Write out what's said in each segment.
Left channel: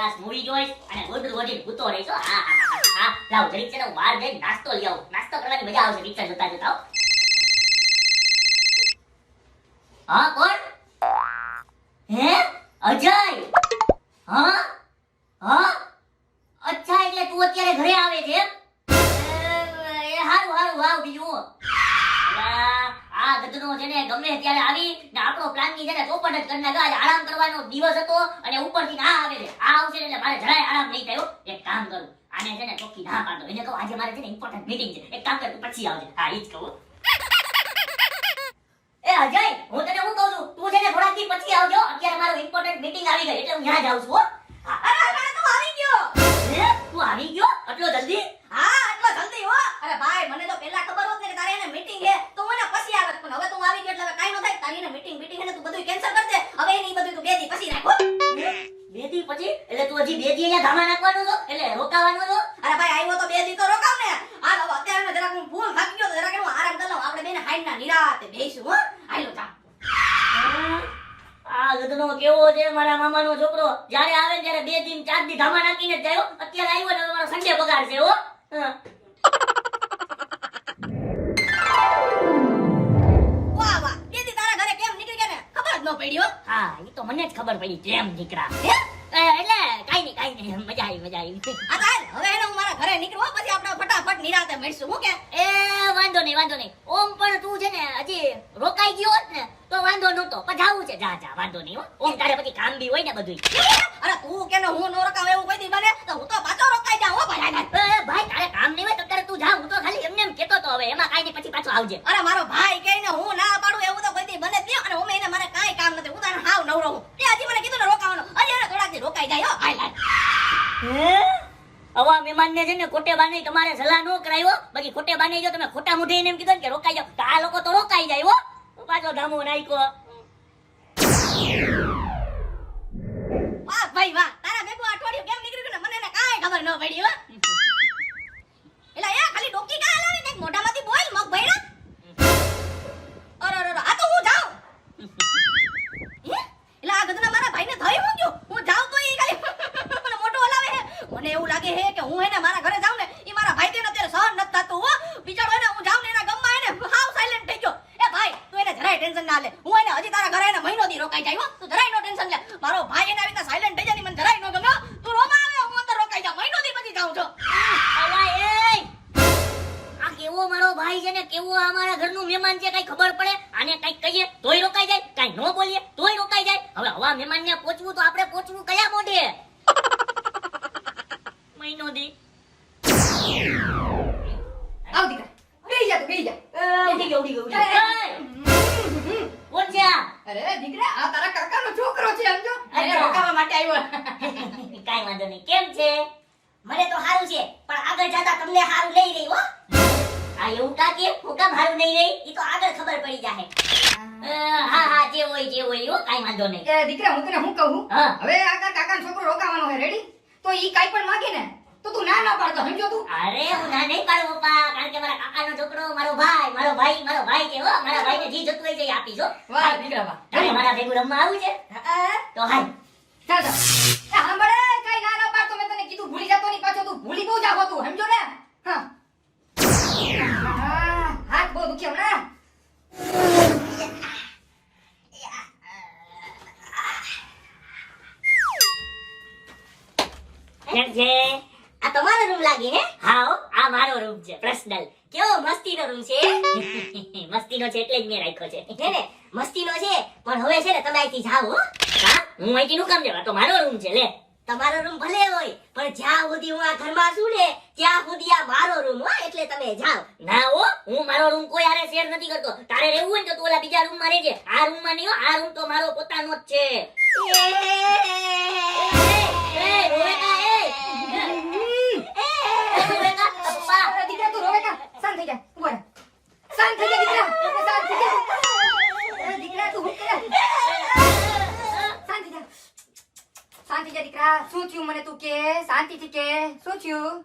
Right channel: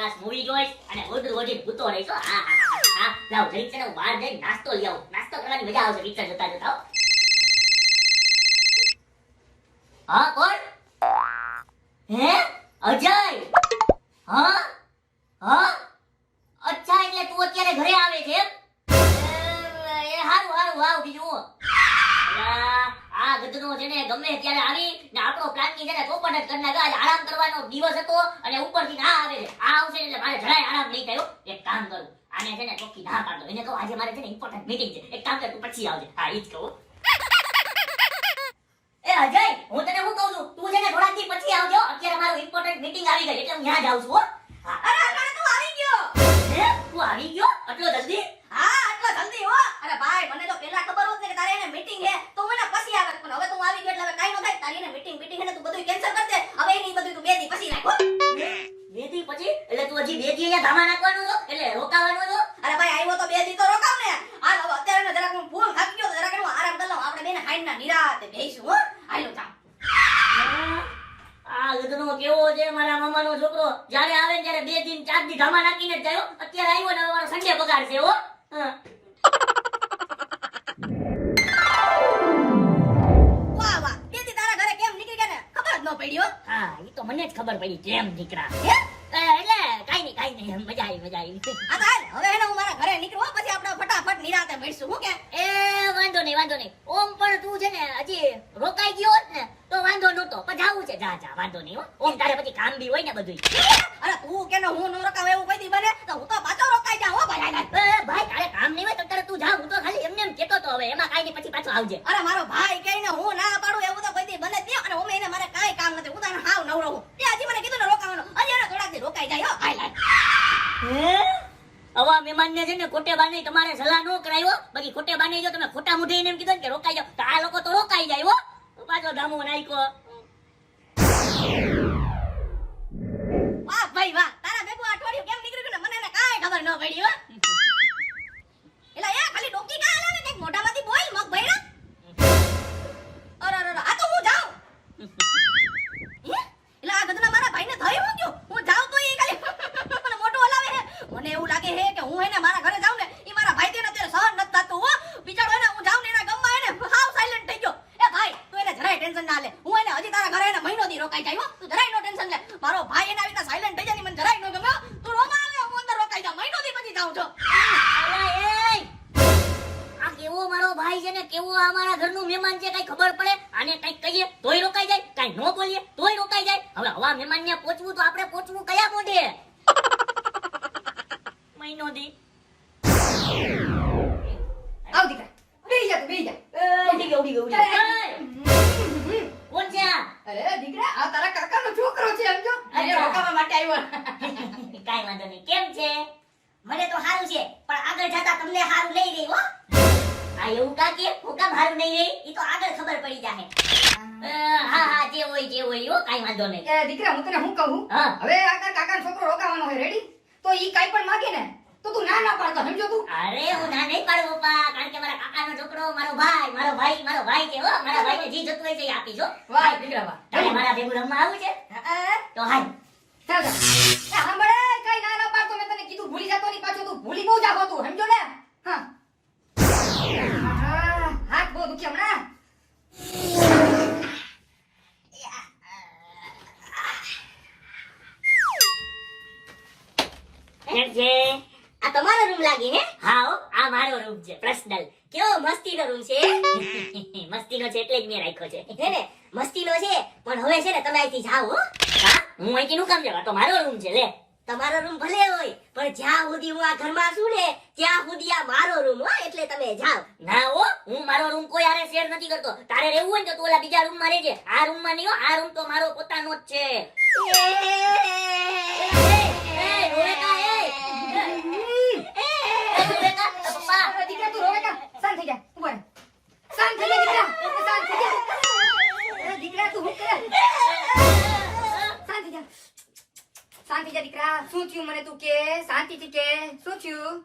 Class movie જોઈશ અને રોજ રોજ ભૂતો રહીશ. હા લાવ જરીક છે ને હું બહાર જઈને નાસ્તો લઈ આવું. નાસ્તો કરવાની મજા આવશે પિક્ચર જોતા જોતા. હા કોણ? હે અજય? હા હા અચ્છા એટલે તું અત્યારે ઘરે આવે છે એમ? એ હારું હારું વાવ બીજું આ ગધનો છે ને ગમે ત્યારે આવી ને આપણો પ્લાન ની છે ને ચોપટ જ કરી નાખે. આરામ કરવાનો દિવસ હતો અને ઉપરથી ના આવે છે. આ આવશે એટલે મારે જરાય આરામ નહીં થયો. એક કામ કરું આને છે ને ચોખ્ખી ના પાડો. એને કહું આજે મારે છે ને ઇમ્પોર્ટન્ટ મીટિંગ છે. એક કામ કર તું પછી આવજે. હા ઈ જ કહું. એ અજય હું તને હું કહું છું તું છે ને થોડાક દી પછી આવજો. અત્યારે મારો ઇમ્પોર્ટન્ટ મીટિંગ આવી ગઈ એટલે હું ત્યાં જાઉં છું. અરે તું આવી ગયો. હે તું આવી ગયો આટલો જલ્દી? હા આટલો જલ્દી હો. અરે ભાઈ મને તો પહેલા ખબર હોત ને કે તારે એને મીટિંગ છે તો હું એને પછી આવત, પણ હવે તું આવી ગયો એટલે હવે કાઈ ન થાય. તારી એને મીટિંગ એને તું બધું કેન્સલ કર દે. હવે એની બધું તું 2 દી પછી રાખો. 2 દી પછી? એટલે તું હજી 2 દી અહીંયા ધામા નાખવાનો છો એટલે રોકાવાનો છો? અરે ભાઈ આવ્યો તો 2 દી તો રોકાવ ને. આ હવે અત્યારે ને જરાક હું ફૂલ થાકી ગયો તો જરાક હું આરામ કરી લઉં. આપણે બેને હાઈના નિરાતે બેહીશું હો. હાલો જા. આ ગધનો કેવો છે મારા મામાનો છોકરો. જ્યારે આવે ને ત્યારે 2 દિન 4 દી ધામા નાખીને જ જાય. અત્યારે આવ્યો ને હવે મારો સંડે પગાર છે હો. વાહ વાહ 2 દી તારા ઘરે કેમ નીકળી ગયા ને ખબર જ ન પડી હો. હા એ તો મને જ ખબર પડી કેમ દીકરા. હે એટલે કાઈ નહીં મજા આવી. આ તો હાલ હવે એને હું મારા ઘરે નીકળું હો, પછી આપણે ફટાફટ નિરાતે મળીશું. હું કે એ વાંધો નહીં. ઓમ પણ તું છે ને હજી રોકાઈ ગયો હોત ને તો વાંધો નહોતો. પણ જાવું છે જા વાંધો નહીં હો. ઓમ તારે પછી કામ બી હોય ને બધું. અરે તું કે ને હું નો રોકાવ એવું કોઈ દી બને તો હું તો પાછો રોકાઈ જાઉં હો ભાઈ. ભાઈ તારે કામ નહીં હોય તો તારે તું જા. હું તો ખાલી એમને એમ કેતો તો હવે એમાં કાઈ નહીં પછી પાછો આવજે. અરે મારો ભાઈ કહીને હું ના પાડું એવું તો કોઈ દી બને જ નહીં. અને હું એને મારે કાઈ કામ નથી. હું તને હાવ નવરો હું. તે હજી મને કીધું ને રોકાવાનો. હજી એને થોડાક દી રોકાઈ જાય હો. હાલ હવા મહેમાન ને છે ને ખોટે બાને તમારે સલાહ નો કરાયો. બાકી ખોટે બાને જો તમે ખોટા મુઢે એને એમ કીધું ને કે રોકાઈ જાવ તો આ લોકો તો રોકાઈ જાય હો. પાછો ધામો નાખ્યો. વાહ ભાઈ વાહ. તારા ભેગું અઠવાડિયું કેમ નીકળી ગયું ને મને એને કાઈ ખબર ન પડી હો. એલા એ ખાલી ડોકી કા હલાવે કઈક મોઢામાંથી બોલ મગ ભઈડા. અરે આ તો હું જાઉં. એલા આ ગધના મારા ભાઈને થઈ હું ગયો. હું જાઉં તો એ ખાલી મોઢું હલાવે હે. મને એવું લાગે હે કે હું એને મારા ઘરે જાઉં ને ઈ મારા ભાઈ તેને અત્યારે સહન નથી થતું હો. બિચારો એને હું જાઉં ને એના ગમમાં એને હાવ સાયલેન્ટ થઈ ગયો. એ ભાઈ તું એને જરાય ટેન્શન ના લે. હું એને હજી તારા ઘરે એને મહિનો દી રોકાઈ જાય હો. તું જરાય નો ટેન્શન લે. મારો ભાઈ એને આવી રીતે સાયલેન્ટ થઈ જાય ને મને જરાય નો ગમે. તું રોમાં આવે હું અંદર રોકાઈ જાઉં. મહિનો દી પછી જાઉં છું. અલા એ આ કેવો મારો ભાઈ છે ને કેવો આ મારા ઘરનું મહેમાન છે કઈ ખબર પડે? આને કઈ કહીએ તોય રોકાઈ જાય, કઈ નો બોલીએ તોય રોકાઈ જાય. હવે હવા મહેમાન ને પહોંચવું તો આપણે પહોંચવું કયા મોઢે? મહિનો દી આવ દીકરા બેહી જા તું બેહી જા. ઉડી ગયો. કોણ છે આ? અરે દીકરા આ તારા કાકાનો છોકરો છે સમજો. એને રોકાવા માટે આવ્યો. કાઈ વાંધો નહીં. કેમ છે? મને તો હારું છે પણ આગળ જતા તમને હારું લઈ રહી હો. આ એવું કાકે હું કામ હારું નહીં રહી ઈ તો આગળ ખબર પડી જાહે. હા જે હોય હો કાઈ વાંધો નહીં. એ દીકરા હું તને શું કહું? હા. હવે આ કાકાનો છોકરો રોકાવાનો છે રેડી? તો ઈ કાઈ પણ માંગે ને તો તું ના પાડતો સમજો તું. અરે હું ના નહીં પાડું પપ્પા કારણ કે મારા કાકાનો છોકરો મારો ભાઈ છે હો. મારા ભાઈને જી જતું હોય છે એ આપીશ હો. વાહ દીકરા વાહ. તારે મારા ભેગું રમવા આવું છે તો હાલ. ચાલ ચાલ. એ સાંભળે કઈ ના પાડતો મેં તને કીધું ભૂલી જતો નહીં પાછો તું ભૂલી બહુ જાતો તું સમજો ને. હા હાથ બહુ દુખી હમણાં. કેમ છે? આ તમારો રૂમ લાગે હે? હા હો, આ મારો રૂમ છે પર્સનલ. કેવો મસ્તીનો રૂમ છે. મસ્તીનો છે એટલે જ મેં રાખ્યો છે. હે ને મસ્તીનો છે પણ હવે છે ને તમે અહીંથી જાઓ હો. હા હું અહીંથી નું કામ જવા તો મારો રૂમ છે લે. તમારો રૂમ ભલે હોય પણ જ્યાં સુધી હું આ ઘરમાં છું ને ત્યાં સુધી આ મારો રૂમ હો એટલે તમે જાઓ. ના હો હું મારો રૂમ કોઈ હારે શેર નથી કરતો. તારે રહેવું હોય ને તો તું ઓલા બીજા રૂમમાં રહેજે. આ રૂમમાં નહીં હો. આ રૂમ તો મારો પોતાનો જ છે. દીકરા તું રોવે કા? શાંત થઈ જા. ઉભો રહે. શાંત થઈ જા દીકરા. શાંત થઈ જા. દીકરા તું હું કરે? શાંત થઈ જા. શાંત થઈ જા દીકરા. શું થયું મને તું કે? શાંતિથી કે. શું થયું?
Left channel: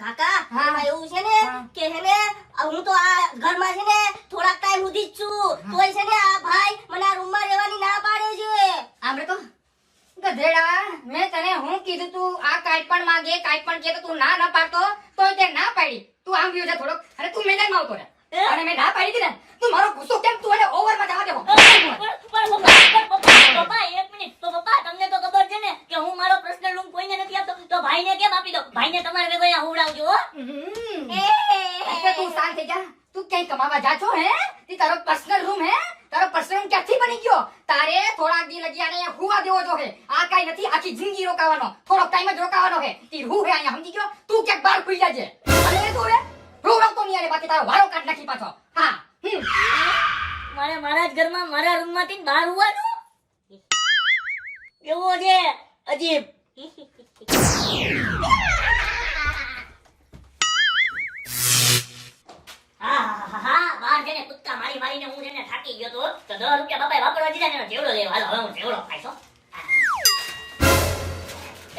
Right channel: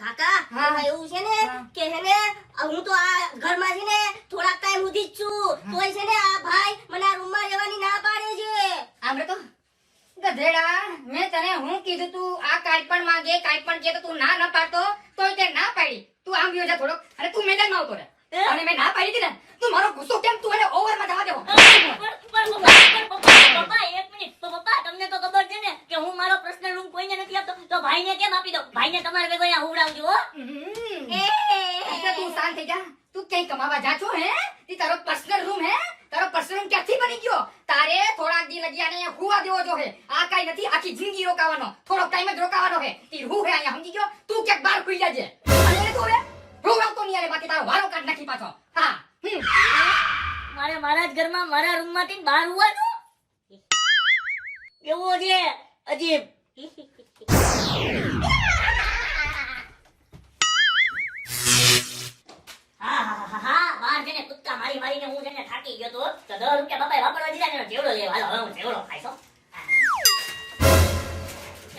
કાકા હા. એવું છે ને કે છે ને હું તો આ ઘરમાં છે ને થોડાક ટાઈમ સુધી જ છું તોય છે ને આ ભાઈ મને આ રૂમમાં રહેવાની ના પાડે છે. આમરે તો ગધેડા મેં તને હું કીધું તું આ કાંઈ પણ માંગે કાંઈ પણ કે તો તું ના ન પાડતો તોય તે ના પાડી. તું આમ ગયો જા થોડોક અને તું મેદાનમાં આવતો રહે. અને મેં ના પાડી હતી ને તું મારો ગુસ્સો કેમ તું એને ઓવરમાં જવા દેવો. પપ્પા એક મિનિટ તો પપ્પા તમને તો ખબર છે ને કે હું મારો પર્સનલ રૂમ કોઈને નથી આપતો તો ભાઈને કેમ આપી દો ભાઈને તમારે ભેગો અહીંયા હુવડાવજો હો એટલે તું શાંત થઈ જા. તું ક્યાંય કમાવા જા છો હે? ઈ તારો પર્સનલ રૂમ હે? તારો પર્સનલ રૂમ ક્યાંથી બની ગયો? તારે થોડાક દી લગી આને અહીંયા હુવા દેવો જો હે. આ કાંઈ નથી, આખી જિંદગી રોકાવાનો, થોડોક ટાઈમ જ રોકાવાનો હે. ઈ રૂ હે અહીંયા, સમજી ગયો? તું ક્યાંક બહાર ખુઈ જાજે. અને એ તું હે રોવડાવતો નહીં આને, બાકી તારો વારો કાઢ નાખી પાછો. હા મારે મારા જ ઘરમાં મારા રૂમમાંથી બહાર હોવાનું કેવો છે અજીબ હા બહાર જઈને કૂદકા મારી મારીને હું જઈને થાકી ગયો તો 10 રૂપિયા બાપાએ વાપરવા દીધા ને જેવડો લેવા હાલો હવે હું જેવડો ખાઈશો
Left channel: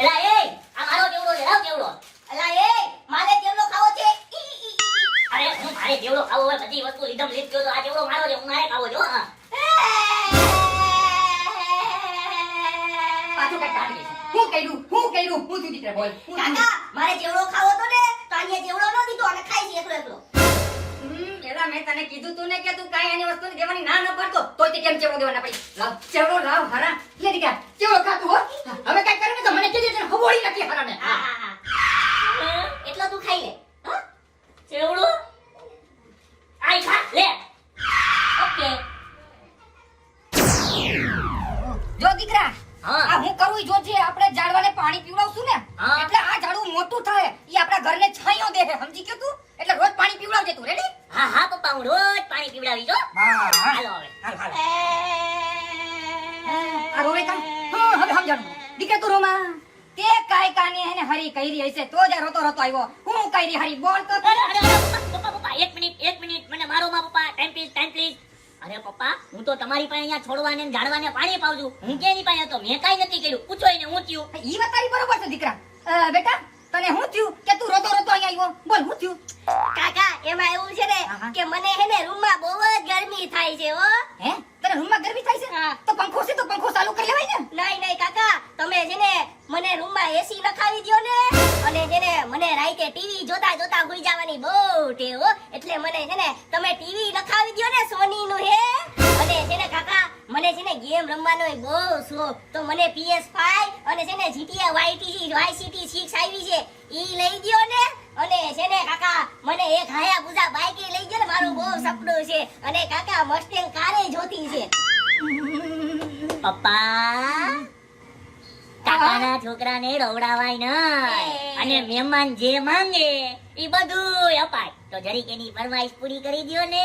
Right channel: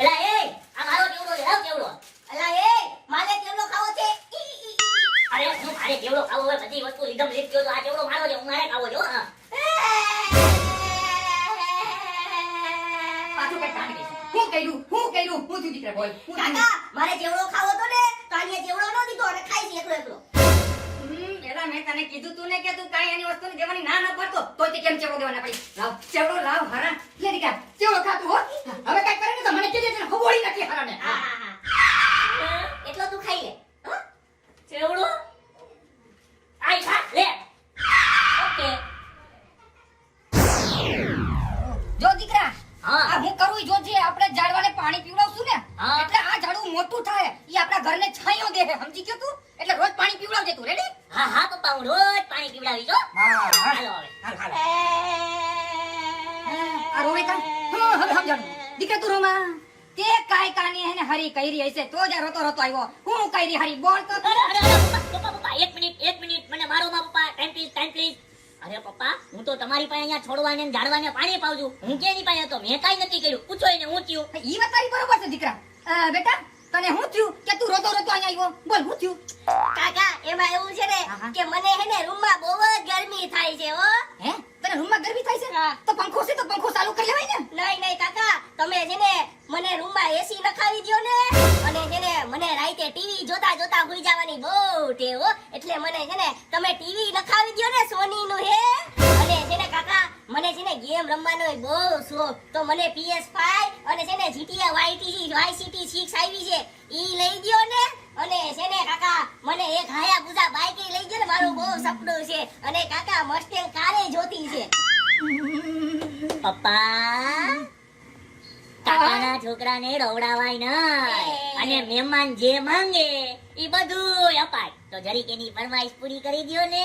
એલા એ આ મારો જેવડો લે લાવ જેવડો અલા એ મારે કેવડો ખાવો છે અરે હું મારે જેવડો ખાવો હોય બધી વસ્તુ લીધમ લીધ ગયો તો આ જેવડો મારો છે હું મારે ખાવો છો હા પાછું કઈ કાઢી દઈશ. હું કર્યું હું તું દીકરા બોલ. કાકા મારે જેવડો ખાવો તો ને તો અહીંયા જેવડો ન દીધો અને ખાઈ છે એકલો એકલો એલા મેં તને કીધું તું ને કે તું કાંઈ એની વસ્તુને દેવાની ના ન પાડતો તોય તે કેમ ચેવડો દેવાના પડી. લાવ ચેવડો લાવ હારા. લે દીકરા ચેવડો ખાતું હો. હવે કાંઈ કરે ને તો મને કીધું છે ને હબોળી નાખી હારાને. હા એટલો તું ખાઈ લે હા જેવડો આઈ ખા લે ઓકે જો દીકરા હા. આ હું કરું ઈ જોજે. આપણે ઝાડવાને પાણી પીવડાવશું ને હા. એટલે આ ઝાડવું મોટું થાય ઈ આપણા ઘરને છાંયો દે છે, સમજી ગયો તું? એટલે રોજ પાણી પીવડાવજે તું. રેડી? હા હા પપ્પા હું રોજ પાણી પીવડાવી છો હા હાલો હવે હાલ આ રોવે તા હા હવે સમજાણું. દીકરા તું રોમાં તે કાંઈ કાની હેને હરી કઈરી હશે તો જ આ રોતો રોતો આવ્યો. હું કઈરી હરી બોલ તો અરે અરે અરે પપ્પા એક મિનિટ મને મારો માં પપ્પા ટાઈમ પ્લીઝ અરે પપ્પા હું તો તમારી પાસે અહીંયા છોડવાને ને ઝાડવાને પાણી પાઉં છું હું કેની પાસે હતો મેં કાઈ નથી કર્યું પૂછો એને હું થયું ઈ વાત તારી બરોબર છે દીકરા. બેટા તને હું થયું કે તું રોતો રોતો અહીંયા આવ્યો? બોલ હું થયું? કાકા એમાં એવું છે ને હા. કે મને હે ને રૂમમાં બહુ જ ગરમી થાય છે હો હે તને રૂમમાં ગરમી થાય છે? હા. તો પંખો છે તો પંખો ચાલુ કરી લેવાય ને. નહીં કાકા તમે છે ને મને રૂમમાં એસી નખાવી દ્યો ને અને છે ને મને રાતે ટીવી જોતા જોતા હુઈ જવાની બહુ ટેવ હો એટલે મને છે ને તમે ટીવી નખાવી દ્યો ને સોની નું હે અને છે ને કાકા મને છે ને ગેમ રમવાનો બહુ શોખ તો મને PS5 અને છે ને GTA Vice City 6 આવી છે ઈ લઈ દ્યો ને અને છે ને કાકા મને એક હાયાબુઝા બાઈક લઈ દ્યો ને મારું બહુ સપનું છે અને કાકા મસ્ટેંગ કારે જોતી છે પપ્પા કાકાના છોકરાને રવડાવાય નહીં અને મહેમાન જે માંગે ઈ બધું અપાય તો જરીક એની ફરમાઈશ પૂરી કરી દ્યો ને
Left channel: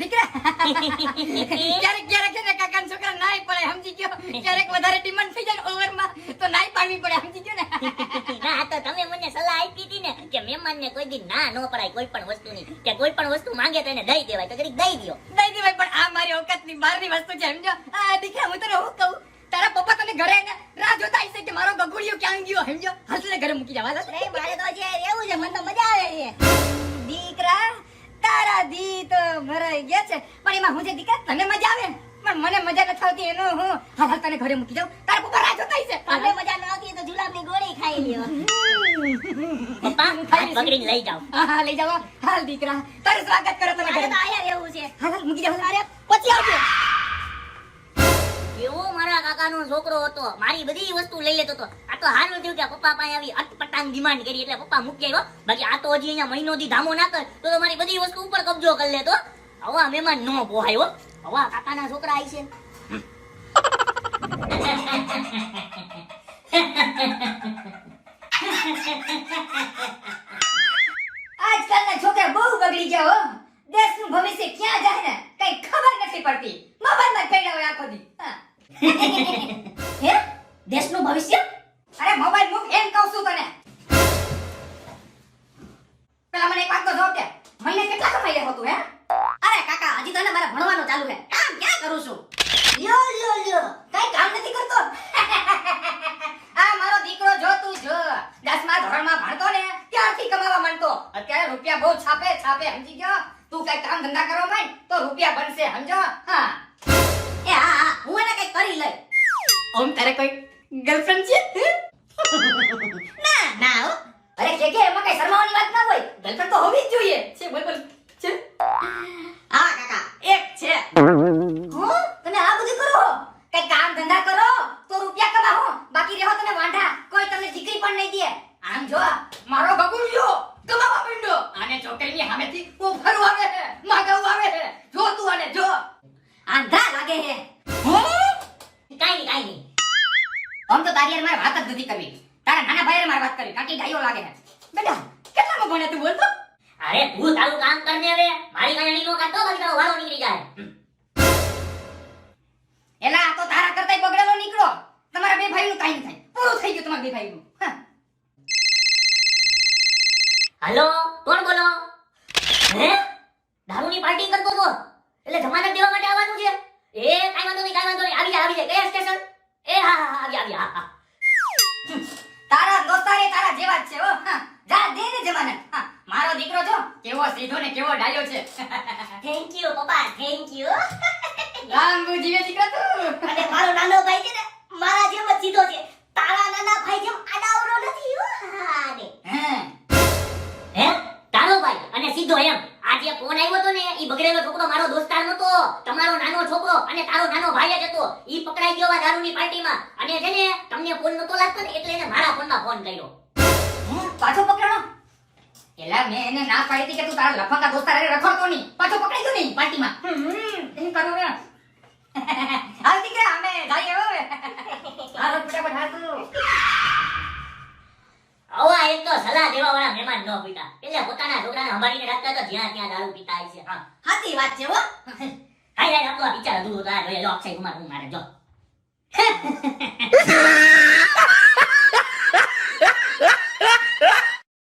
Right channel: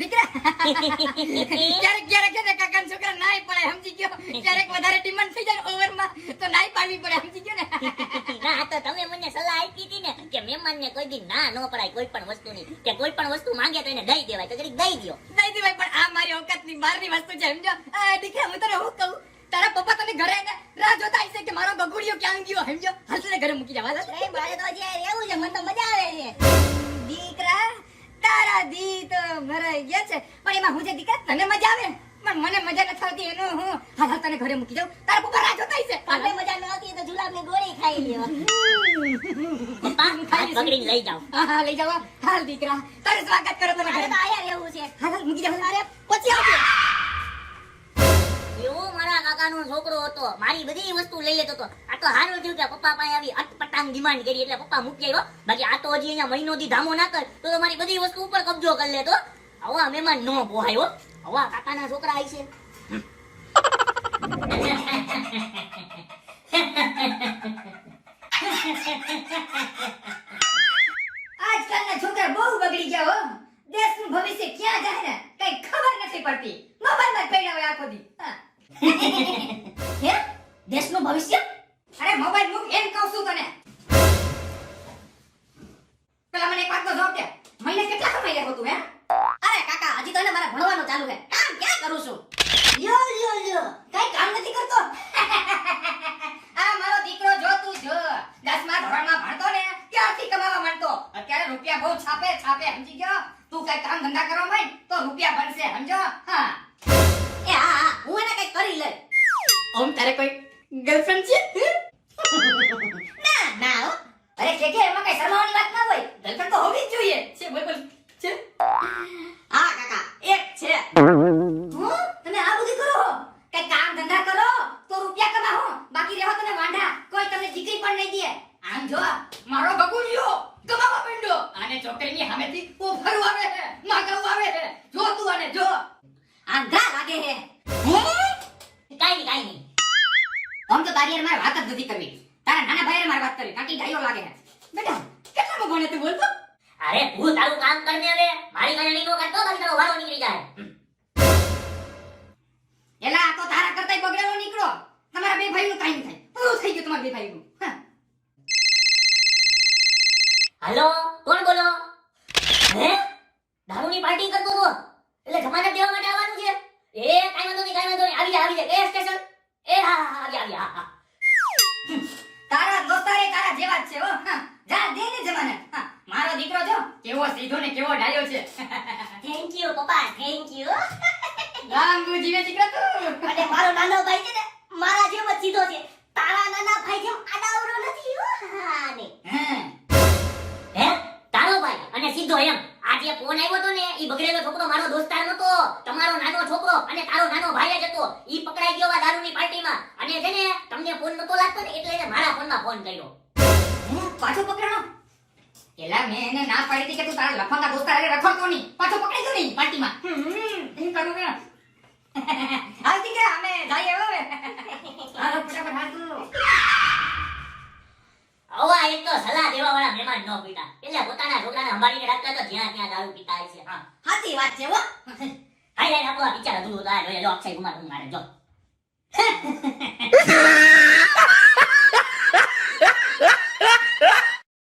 દીકરા ક્યારેક ક્યારેક છે ને કાકાના છોકરા નાય પડે, સમજી ગયો? ક્યારેક વધારે ડિમાન્ડ થઈ જાય ઓવરમાં તો નાય પાડવી પડે, સમજી ગયો ને? ના તો તમે મને સલાહ આપી હતી ને કે મહેમાનને કોઈ દી ના ન પડાય કોઈ પણ વસ્તુની કે કોઈ પણ વસ્તુ માંગે તો એને દઈ દેવાય તો જરીક દઈ દ્યો દઈ દેવાય પણ આ મારી ઓકાતની બહારની વસ્તુ છે, સમજો? આ દીકરા હું તને હું કહું તારા પપ્પા તને ઘરે ને રાહ જોતા હશે કે મારો ગગુડિયો ક્યાં ગયો, સમજો? હાલ તને ઘરે મૂકી જવા. નહીં મારે તો જે રહેવું છે મને તો મજા આવે છે દીકરા તારા દી તો મરાઈ ગયા છે પણ એમાં હું છે દીકરા તને મજા આવે પણ મને મજા નથી આવતી એનો હું હાલ હાલ તને ઘરે મૂકી જાઉં. તારા પપ્પા રાહ જોતા હશે. તમને મજા ન આવતી તો જુલાબની ગોળી ખાઈ લ્યો પપ્પા હાથ પકડીને લઈ જાઓ હા હા લઈ જાઓ. હાલ દીકરા તારું સ્વાગત કરો તને મારે ઘરે. તો આયા રહેવું છે હાલ હાલ મૂકી જાઓ. અરે પછી આવજો એવો મારા કાકાનો છોકરો હતો મારી બધી વસ્તુ લઈ લેતો હતો આ તો હારું થયું કે પપ્પા પાસે આવી અટપટાંગ ડિમાન્ડ કરી એટલે પપ્પા મૂકી આવ્યો બાકી આ તો હજી અહીંયા મહિનો દી ધામો ના કર તો મારી બધી વસ્તુ ઉપર કબજો કરી લેતો આવા મહેમાન નો પોહાયો આવા કાકાના છોકરા આવી છે આજકાલના છોકરા બહુ બગડી ગયા હો. દેશનું ભવિષ્ય ક્યાં જાય ને કઈ ખબર નથી પડતી. મોબાઈલમાં જ પડ્યા હોય આખો દી. હા. હે દેશનું ભવિષ્ય? અરે મોબાઈલ મૂક એમ કહું છું તને. પેલા મને એક વાત તો જો કે મહિને કેટલા કમાઈ લેવો તું? હે અરે કાકા હજી તો ને મારે ભણવાનું ચાલુ છે કામ ક્યાં કરું છું યો કઈ કામ નથી કરતો. આ મારો દીકરો જો તું જો 10મા ધોરણમાં ભણતો ને ત્યારથી કમાવા માંડતો. અત્યારે રૂપિયા બહુ છાપે સમજી ગયો? તું કઈ કામ ધંધા કરવા માંડ તો રૂપિયા બનશે, સમજો? હા એ હા હું એને કઈ કરી લઈ ઓમ તારે કોઈ ગર્લફ્રેન્ડ છે ના ના હો. અરે કે એમાં કઈ શરમાવાની વાત ના હોય ગર્લફ્રેન્ડ તો હોવી જ જોઈએ છે બોલ બોલ છે હા કાકા એક છે. હો તમે આ બધું કરો કઈ કામ ધંધા કરો તો રૂપિયા કમાઓ બાકી રહો તમે વાંઢા કોઈ તમને દીકરી પણ નહીં દે આમ જો મારો બગુડિયો કમાવા માંડ્યો આને છોકરીની સામેથી ઓફર આવે છે માગવ આવે છે જો તું આને જો આંધા લાગે છે કાઈ નહીં આમ તો તારી હારે મારે વાત જ નથી કરવી તારા નાના ભાઈ હારે મારે વાત કરવી કાકી ડાયો લાગે છે બેટા કેટલામાં ભણે તું બોલ તો અરે તું તારું કામ કરને હવે મારી ગાડી નો કાઢતો બાકી તારો વારો નીકળી જાય એલા આ તો તારા કરતાય બગડેલો નીકળો તમારા બે ભાઈનું કાઈ નહીં થાય પૂરું થઈ ગયું તમારા બે ભાઈનું હા. હાલો કોણ બોલો હે દારૂની પાર્ટી કરતો તો એટલે જમાનત દેવા માટે આવવાનું છે એ કાઈ વાંધો નહીં આવી જાય કયા સ્ટેશન એ હા આવી હા હા તારા દોસ્તારે તારા જેવા જ છે હો હા. જા દે ને જમાને હા. મારો દીકરો જો કેવો સીધો ને કેવો ડાયો છે થેન્ક યુ પપ્પા થેન્ક યુ. રામ જીવે દીકરા તું અને મારો નાનો ભાઈ છે ને મારા જેમ જ સીધો છે. તારા નાના ભાઈ જેમ આડાવરો નથી હો. હા ને હે હે તારો ભાઈ અને સીધો એમ આ જે ફોન આવ્યો તો ને ઈ બગડેલો છોકરો મારો દોસ્તાર નતો તમારો નાનો છોકરો અને તારો નાનો ભાઈ જ હતો ઈ પકડાઈ ગયો આ દારૂની પાર્ટીમાં અને છે ને તમને ફોન નતો લાગતો ને એટલે એને મારા ફોનમાં ફોન કર્યો પાછો પકડ્યો એલા મેં એને ના પાડી હતી કે તું તારા લફંગા દોસ્તાર હારે રખડતો નહીં પાછો પકડાઈ ગયો નહીં પાર્ટીમાં એમ કરો ને હાલ દીકરા અમે જઈએ હવે હાલો ફટાફટ હાલ તું આવા એક તો સલાહ દેવા વાળા મહેમાન ન પીતા એટલે પોતાના છોકરાને સંભાળીને રાખતા તો જ્યાં ત્યાં દારૂ પીતા હોય છે હા સાચી વાત છે હો. હાય આપણો પિક્ચર અધૂરું થાય જોઈએ જો અક્ષય કુમાર હું મારે જો